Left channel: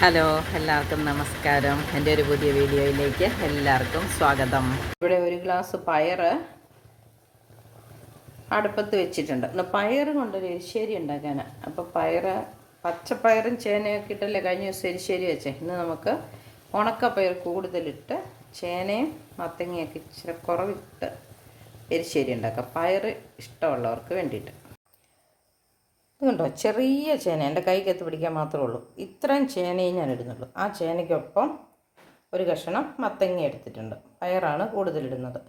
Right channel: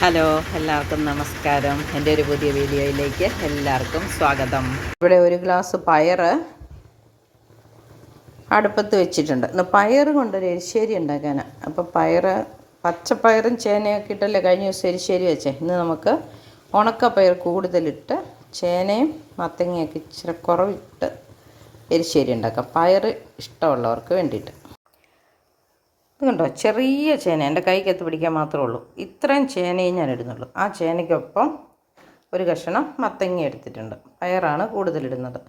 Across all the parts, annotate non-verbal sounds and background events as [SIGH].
Hello എല്ലാവർക്കും നമസ്കാരം. എന്റെ ഒരു പുതിയ വീഡിയോയിലേക്ക് എല്ലാവർക്കും സ്വാഗതം. ഇവിടെ ഒരു ഗ്ലാസ് പയർ അടുപ്പത്ത് വെച്ചിട്ടുണ്ട്. ഇന്ന് പയർ കൊണ്ടൊരു എരിശ്ശേരി ഉണ്ടാക്കാൻ അപ്പോൾ പയർ പച്ചപ്പയറും ചേനയൊക്കെ ഇട്ടല്ലേ കഴിഞ്ഞ ദിവസം എരിശ്ശേരി വെച്ചേ. ഇന്ന് നമുക്ക് ഉണക്കപ്പയർ കൂടുതലിട്ട് ചേനയും മത്തങ്ങയൊക്കെ ഇച്ചിരി കുറവിട്ട് എരിശ്ശേരി ഉണ്ടാക്കാം. പയർ ഇഷ്ടമുള്ളവർക്ക് വേണ്ടിയിട്ട്. കണ്ടോ ചെറിയ ചേന. എന്റെ കൈക്കകത്ത് പിടിക്കാൻ മാത്രമേ ഉള്ളൂ. ഇത്രയും ചേനയെ ഞാൻ ഇടുന്നുള്ളൂ. ആ ചേനയ്ക്കൊപ്പം ഒരു കഷ്ണം മത്തങ്ങ എടുത്തിട്ടുണ്ട്. പയറാണ് കൂടുതലിടുന്നത്.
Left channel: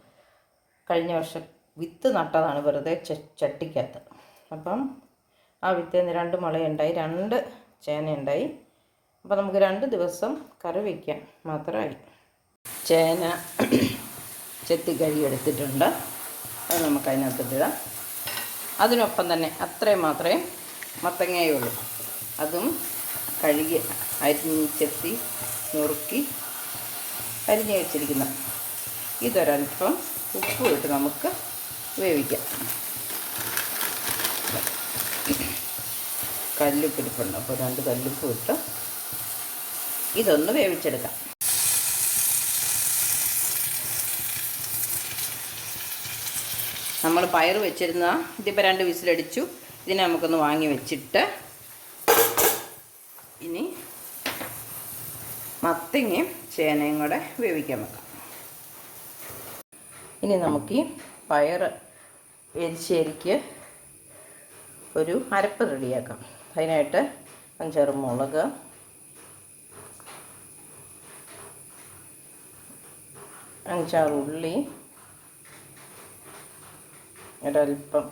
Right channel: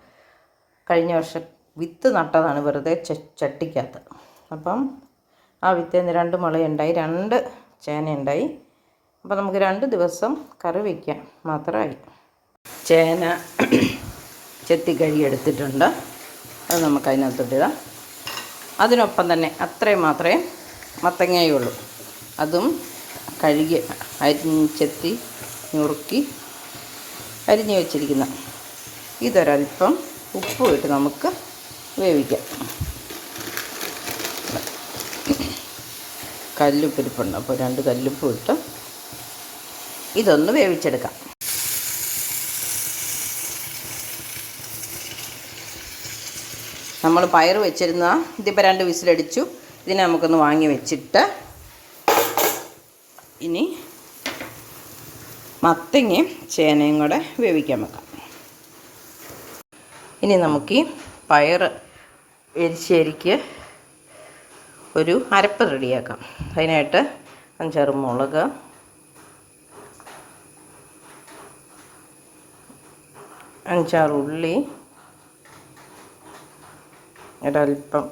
കഴിഞ്ഞ വർഷം വിത്ത് നട്ടതാണ് വെറുതെ ചട്ടിക്കകത്ത്. അപ്പം ആ വിത്തേന്ന് രണ്ട് മുളയുണ്ടായി. രണ്ട് ചേനയുണ്ടായി. അപ്പോൾ നമുക്ക് രണ്ട് ദിവസം കറി വയ്ക്കാം മാത്രമായി. ചേന ചെത്തി കഴുകി എടുത്തിട്ടുണ്ട്. അത് നമുക്ക് അതിനകത്തോട്ടിടാം അതിനൊപ്പം തന്നെ അത്രയും മാത്രമേ മത്തങ്ങയുള്ളൂ. അതും കഴുകി അരിഞ്ഞെത്തി നുറുക്കി അരിഞ്ഞ് വെച്ചിരിക്കുന്ന. ഇതൊരൽപ്പം ഉപ്പ് ഇട്ട് നമുക്ക് വേവിക്കാം. കല്ലുപ്പ് ഇരിപ്പുണ്ട് അപ്പോൾ രണ്ട് കല്ലുപ്പ് ഇട്ട് ഇതൊന്ന് വേവിച്ചെടുക്കാം. നമ്മൾ പയർ വെച്ചിരുന്ന ഇതിപ്പോൾ രണ്ട് വിസിലടിച്ചു. ഇതിനെ നമുക്കൊന്ന് വാങ്ങി വെച്ചിട്ട് ഇനി മത്തങ്ങയും ചേനയും കൂടെ വേവിക്കാൻ വെക്കാം. ഇനി നമുക്ക് ഈ പയർ എരിശ്ശേരിക്ക് ഒരു അരപ്പ് റെഡിയാക്കാം. അതിനായിട്ട് അഞ്ചാറ് മുളക് അഞ്ചാറ് ഉള്ളി ഒരൽപ്പം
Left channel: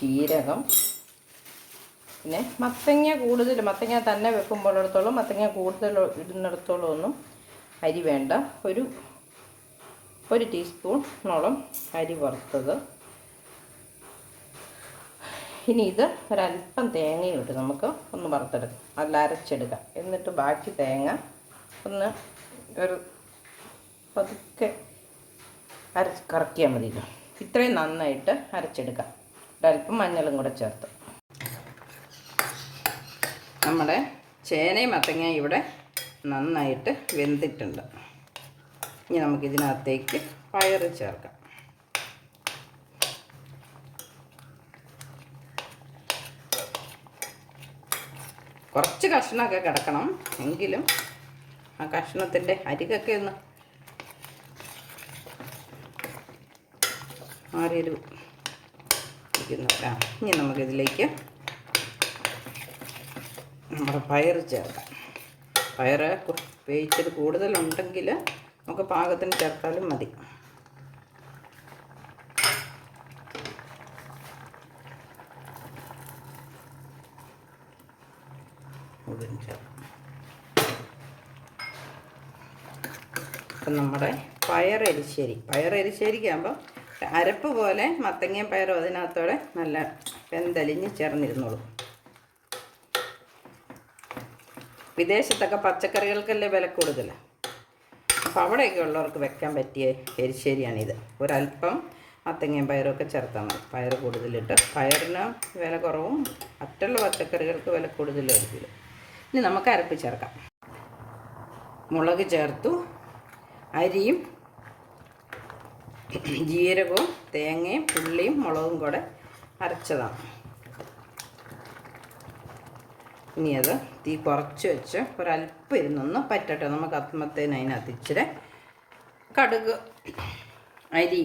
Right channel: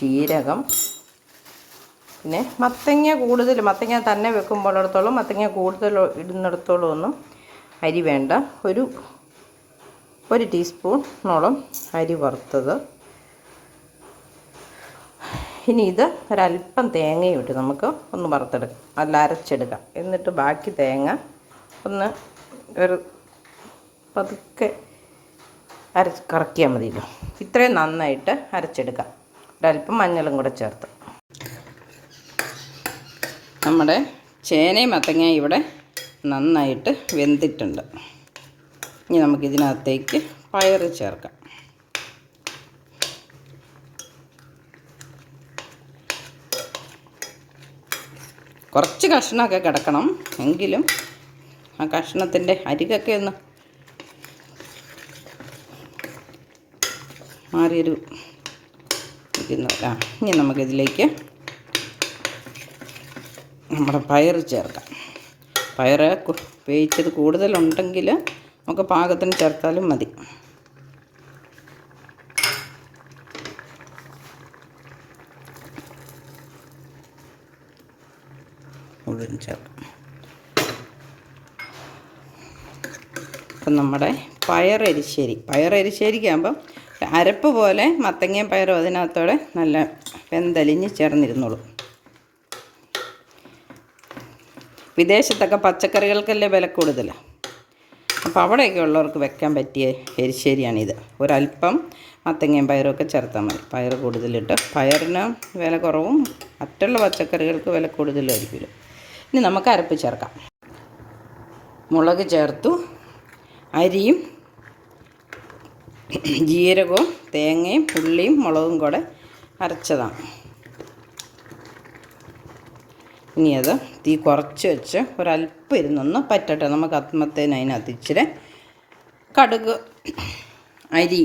ജീരകം. പിന്നെ മത്തങ്ങ കൂടുതൽ മത്തങ്ങ തന്നെ വെക്കുമ്പോഴത്തോളം മത്തങ്ങ കൂടുതൽ ഇടുന്നിടത്തോളം ഒന്നും അരി വേണ്ട. ഒരു ഒരു ടീസ്പൂണോളം അരി വറുത്തത്. ഇനി ഇത് ഒരല്പം തേങ്ങയും ഇട്ട് നമുക്ക് ഒന്ന് വറുത്തെടുക്കാം. അല്ല അരച്ചെടുക്കാം. എന്നിട്ട് ബാക്കി തേങ്ങ ഒന്ന് ഒരു പതുക്കെ അര കറക്കിയാൽ മതിയല്ലോ. ഇത്രയും നന്നായിട്ട് അരച്ചെടുക്കാം. ഒരല്പം മഞ്ഞളും കൂടെ ചേർത്ത്. നമ്മുടെ ചേനയും മത്തങ്ങയും ഇവിടെ നന്നായിട്ട് വെന്തിട്ടുണ്ട്. ഇനി നമുക്കിതിനകത്തേക്ക് പയർ ചേർക്കാം. കുറച്ച് കഷ്ണമൊക്കെ കിടക്കണം എങ്കിലും ആ കഷ്ണത്തിന്റെ അരികൊക്കെ ഒന്ന് മാറിയൊരു ഇരിക്കുന്നു ആ ഇനി നമുക്കിതിലേക്ക് നമ്മുടെ പയർ ചേർക്കാം. പയർ വേവിച്ചത് കൂടുതലുണ്ടെങ്കിൽ നമുക്ക് പാകത്തിന് ചേർത്താലും മതി. ചേർക്കാം. നമ്മുടെ പയർ പയറരിശ്ശേരിക്കാകുമ്പം അരപ്പ് പോലെ മത്തങ്ങയും പയറും അതിനകത്തോടെ നല്ല വെന്തലിഞ്ഞ് ചേർന്നിരുന്നുള്ളൂ വിദേശത്തൊക്കെ പച്ചക്കറികൾക്കല്ലേ വില കൂടുതൽ? അപ്പോൾ അവിടെയൊക്കെ ഉള്ളവർക്ക് വെക്കാൻ പറ്റിയ എരിശ്ശേരിയാണിത്. ഒരല്പം മത്തങ്ങയും പയറും ഒക്കെ ചേർത്താൽ മതി. പയർ കൂടുതലിട്ട് പയറിന് വില കുറവും മറ്റുള്ള പച്ചക്കറികൾക്ക് വില കൂടുതലായിരിക്കില്ല. ഇനി നമുക്ക് അരപ്പ് ചേർക്കാം. മുളക് ചേർത്തു അരിയും [CLEARS THROAT] ജീരകവും തേങ്ങയും പുള്ളിയും മുളകും കൂടെ അരച്ചതാണ്. ഇനി അത് തീ കുറച്ച് വെച്ച് ഒരല്പം ഇരുന്നൊന്ന് പറ്റട്ടെ. നമുക്ക് ആത്മത്തേന് അതിനകത്ത് ഇച്ചിരി കടുക് അരി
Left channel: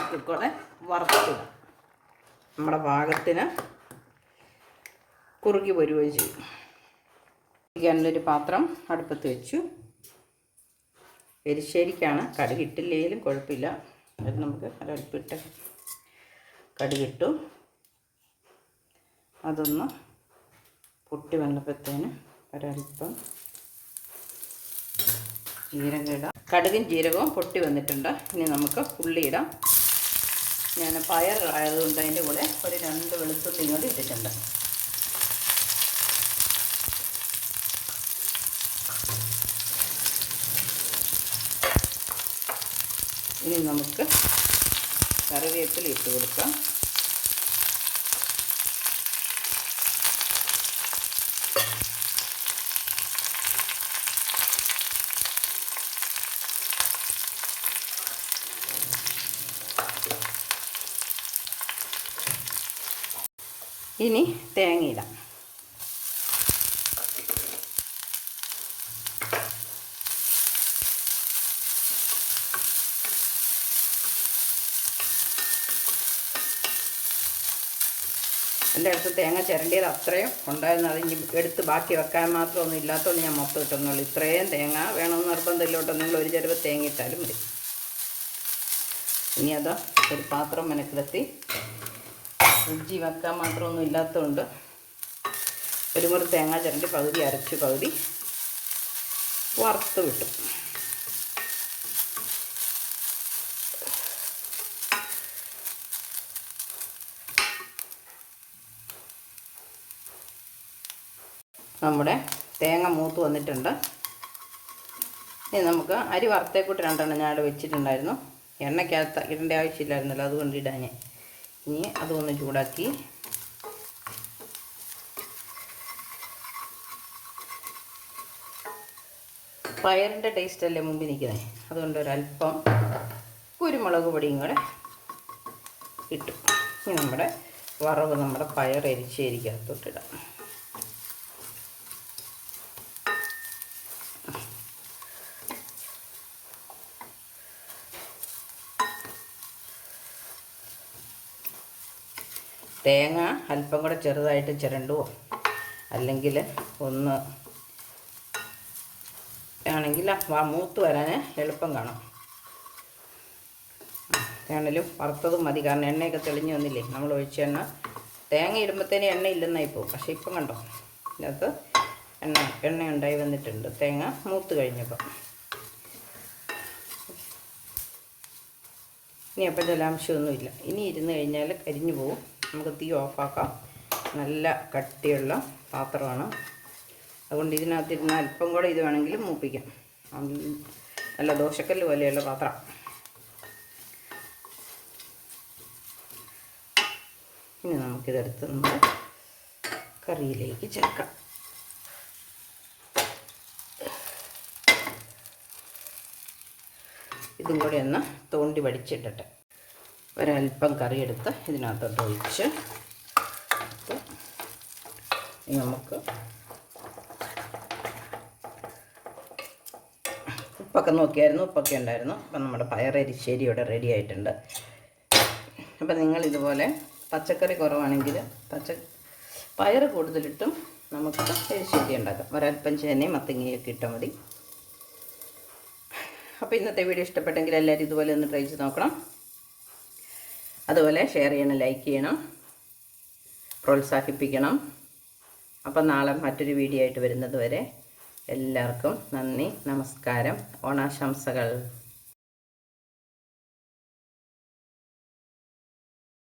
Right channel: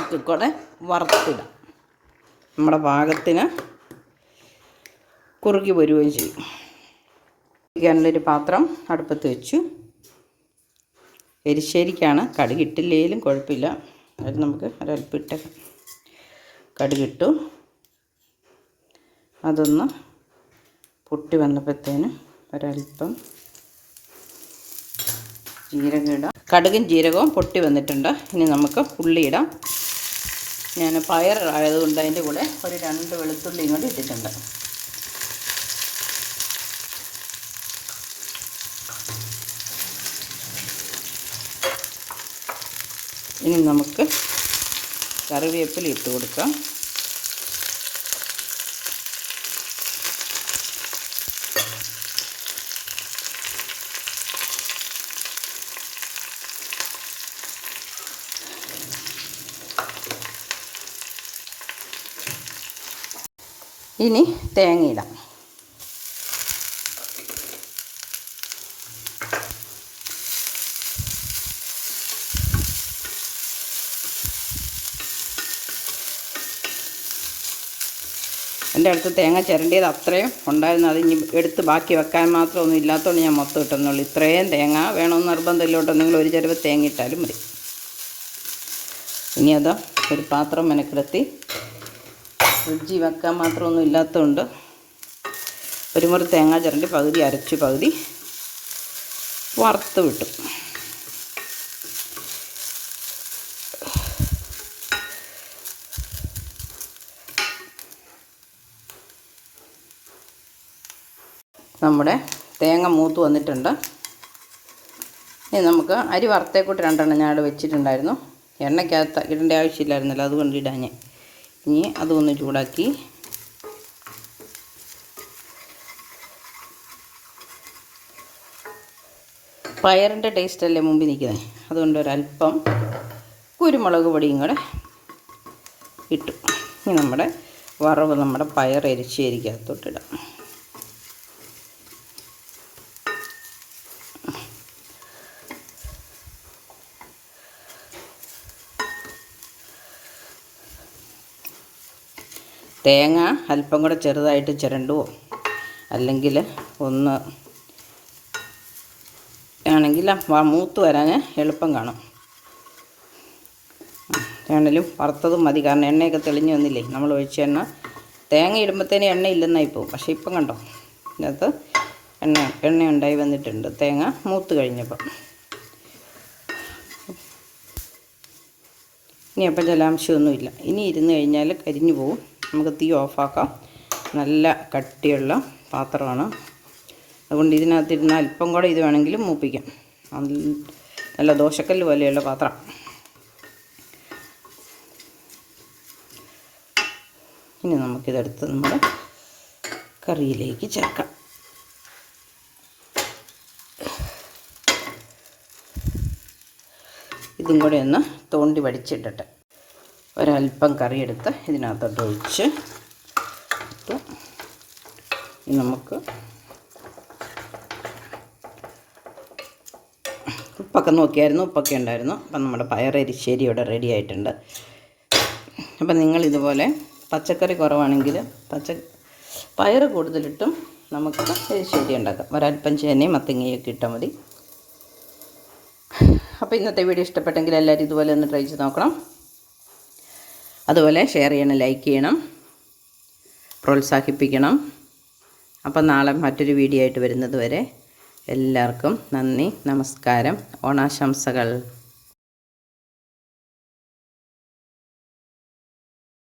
ഒക്കെ കൂടെ വറുത്തിടാം. നമ്മുടെ പാകത്തിന് കുറുകി വരികയും ചെയ്യും. ഒരു പാത്രം അടുപ്പത്ത് വെച്ചു. എരിശ്ശേരിക്കാണ്. കടുകിട്ടില്ലെങ്കിലും കുഴപ്പമില്ല. അത് നമുക്ക് ഒരൽപ്പിട്ട കടുകിട്ടു അതൊന്ന് പൊട്ടി വന്നപ്പോഴത്തേന് ഒരൽപ്പം ജീരകം ഇടാം. കടുകും ജീരകവും പൊട്ടി വന്നിട്ടുണ്ട്. ഇനി നമുക്ക് ഉള്ളി ഇടാം. ഞാൻ പയർ ആയതുകൊണ്ട് അതിന്റെ കൂടെ ഒരു രണ്ട് വെളുത്തുള്ളിയും കൂടി ഇട്ടിട്ടുണ്ട്. ഇനി നമുക്ക് കറിവേപ്പില ഇട്ട് കൊടുക്കാം. ഇനി തേങ്ങയിടാം എന്റെ അടുത്ത് തേങ്ങ ചിരണ്ടിയത് അത്രയും ഉണ്ടായിരുന്നു. അത് ഇനി എടുത്ത് ബാക്കി വെക്കാൻ മാത്രമൊന്നും ഇല്ലാത്തതുകൊണ്ട് ഞാൻ മൊത്തം ഇട്ടെന്നുള്ളൂ. ഇത്രയും തേങ്ങ വേണമെന്ന് നിങ്ങൾ ഒരു ചിലവ് തേങ്ങ ഇട്ടാലും മതി. ഇനി അത് ഒരു പാത്രം മെനക്കിടത്തി ഫ്രിഡ്ജിൽ വെക്കാൻ മാത്രമൊന്നും ഇല്ലാത്തതുകൊണ്ട് ഒരു മുറി തേങ്ങ ചിരണ്ടി പകുതി അരച്ച് പകുതി വറുത്ത് വിട്ടു. നമ്മുടെ തേങ്ങ മൂത്ത് വന്നിട്ടുണ്ട്. ഇനി നമുക്ക് അരി വറുത്തേക്കൂട്ട് രണ്ടെണ്ണം ഞാൻ അവിടെ വെച്ചിട്ടുണ്ടായിരുന്നു. എണ്ണയ്ക്കകത്ത് ഇടേണ്ട ആവശ്യമില്ലായിരുന്നല്ലോ അതുകൊണ്ട് ഇടാൻ ഇനി അതൊന്ന് ചൂടാക്കി. പയറിന്റെ ടേസ്റ്റല്ലേ മുമ്പിൽ നിൽക്കുന്നത് അതുകൊണ്ട് ഒരല്പം കുരുമുളക് പൊടിയും കൂടെ ഇട്ടു. ഇനി നമ്മുടെ വറവ് നമ്മുടെ പയർ എരിശ്ശേരിക്കകത്തോട്ടിടാം തേങ്ങ അല്പം കൂടെ ചെറുതായിട്ട് ചിരണ്ടുവോ? അല്ലെങ്കിൽ ഒന്ന് ആണെങ്കിൽ മൂത്ത് വരാൻ എളുപ്പം കാണും. ആണെങ്കിലും വറുത്തതും മതി. കാരണം എണ്ണയൊക്കെ തെളിഞ്ഞു വന്നില്ലേ? നമ്മൾ ഒഴിച്ച എണ്ണ. തേങ്ങ ഇടുമ്പോഴത്തേന് എണ്ണ ഇല്ലെന്നായി പോകും. പക്ഷേ ഇപ്പം കണ്ടോ? ഇതിനകത്ത് എണ്ണ എണ്ണ ഉണ്ടായി വന്നിട്ടുണ്ട്. തേങ്ങ മൂത്ത് കഴിഞ്ഞപ്പം. ഇനി അപ്പം ജലാംശമൊന്നുമില്ല ഇനി ഇരുന്ന് കഴിഞ്ഞാൽ കരിഞ്ഞു പോകും നമുക്ക് തീ ഓഫാക്കാം. നല്ല കട്ടിയുള്ള പാത്രമാണ്. അതുകൊണ്ട് ഇതിനകത്തിരുന്ന് അല്പം കൂടെ ഇത് വേണമെങ്കിൽ മൂപ്പിക്കാം. നല്ല- ദോശക്കല്ല് പോലെയുള്ള പാത്രം. ഇനി നമുക്കിതെടുത്ത് നമ്മുടെ കറിയിലേക്ക് ചേർക്കാം. ഇതും കൂടെ ഒന്ന് തോണ്ടി വടിച്ചിട്ടിട്ട്. ഒരല്പം കറിയെടുത്ത് ഇതിനകത്തോട്ട് ഒഴിച്ച് നമുക്ക് ഉപ്പൊക്കെ നോക്കിയായിരുന്നു ഉപ്പൊക്കെ ഉണ്ടായിരുന്നു. അപ്പം നമ്മുടെ പയറരിശ്ശേരി ഇവിടെ റെഡി ആയിട്ടുണ്ട്. അപ്പം നിങ്ങളിതുപോലെ പച്ചക്കറി കുറവാണെങ്കിൽ പച്ച പയർ കൂടുതലിട്ടും നമുക്ക് എരിശ്ശേരി ഉണ്ടാക്കാം. ഒരൽപ്പം ചേനയും മത്തങ്ങയൊക്കെ ഇട്ടാൽ മതി. അപ്പോൾ ഇന്നത്തെ വീഡിയോ ഇഷ്ടപ്പെട്ടെങ്കിൽ എല്ലാവരും ഇതുപോലെ ഒന്ന് ട്രൈ ചെയ്ത് നോക്കണം. അതുപോലെ ഷെയർ ചെയ്യണം ലൈക്ക് ചെയ്യണം പ്രോത്സാഹിപ്പിക്കണം. അപ്പം നാളെ മറ്റൊരു വീഡിയോ ആയിട്ട് വരുന്നത് വരെ എല്ലാവർക്കും നന്ദി നമസ്കാരം ഓണാശംസകൾ.